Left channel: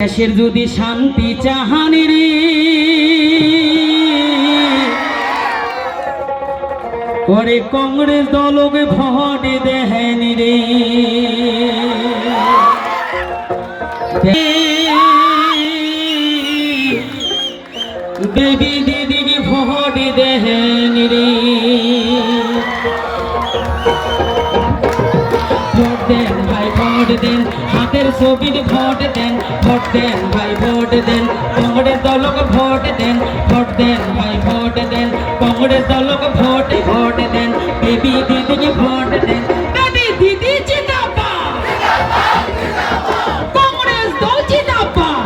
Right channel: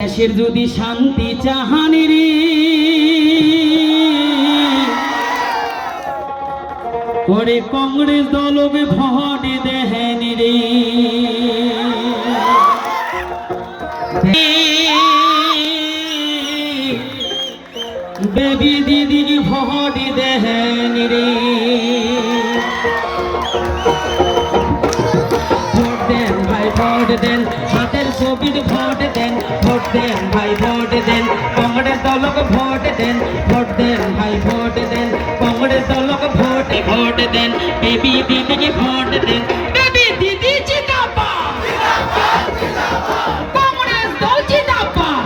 দেশের যদি শান্তি চাহানি রে পরে কংগ্রেস দলকে ভোট দেহেনি রে দেবী দিদিকে ভোট দেহেনি রে ভোট দেন ভাই ভোট দেন হাতের ছবির ভোট দেন ভোট দেন ভাই ভোট দেন কংগ্রেস দলক ভোট দেন ভোট দেন ভাই ভোট দেন কংগ্রেস দলক ভোট ভোট দেন বেবি দিদিকে ভোট দেন বেবি দিদি জিন্দাবাদ কংগ্রেস দল জিন্দাবাদ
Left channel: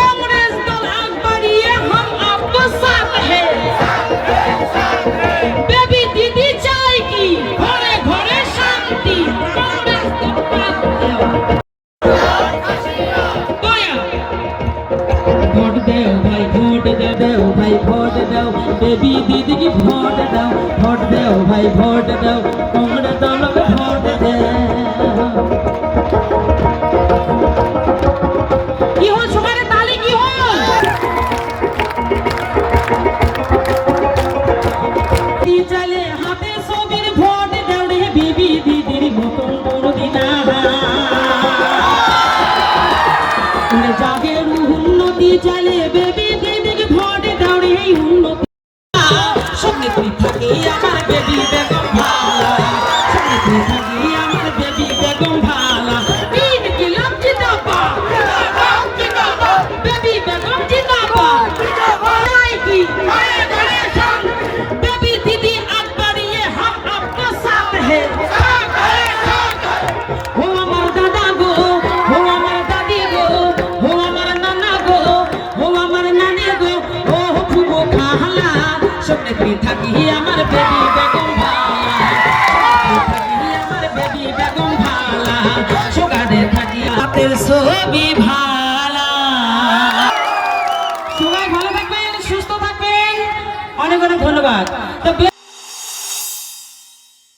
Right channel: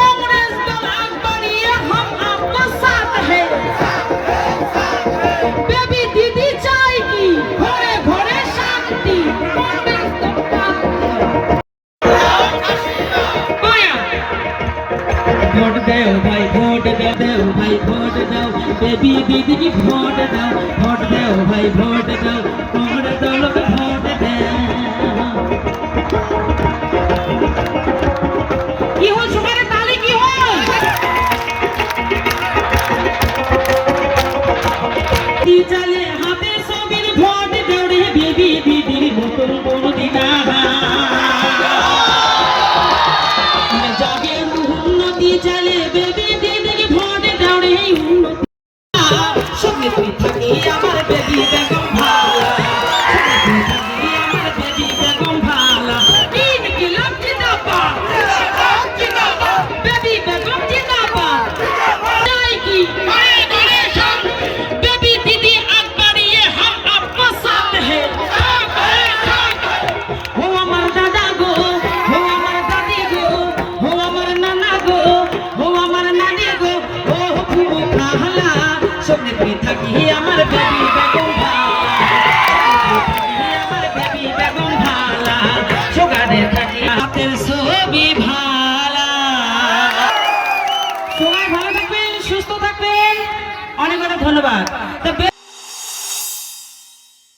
কংগ্রেস দল আগ बढ़िए हम आपके साथ हैं बेबी दीदी चाय की घरे घरे शांति कॉंग्रेस ভোট দেও ভাই ভোট দেও ভাই ভোট দেও বেবি দিদি কি ভোট দাও ভোট দেও ভাই ভোট দেও কংগ্রেস দলকে ভোট দেও কি হল সবারে তালি কি হল দি চলে হাতে ছবির ভোট দেও রে বেবি দিদির নতুন কোন দিনা জাগে উন্নতি চলে বেবি দিদিকে ভোট দাও রে উন্নতি সঙ্গে তুই থাকি আমার বেবি বেগম ভালা সঙ্গে তুই থাকি আমার বেবি বেগম ভালা তিন কিলাম জিন্দাবাদ বেবি বেগম জিন্দাবাদ নাই কি बेबी दीदी आग बढ़िए हम आपके साथ हैं हो हमार दादा गो हो हमार दादी गो हो हमार नाना गो हो हमार नानी गो ओ फुबो खाला सबने तुई थाकी हमार बेबी बेगम बेबी बेगम भाला सोगादे थाकी हातेर ছবি ভালা সবাই ভালো থাকবেন সুস্থ থাকবেন অনেক অনেক ধন্যবাদ।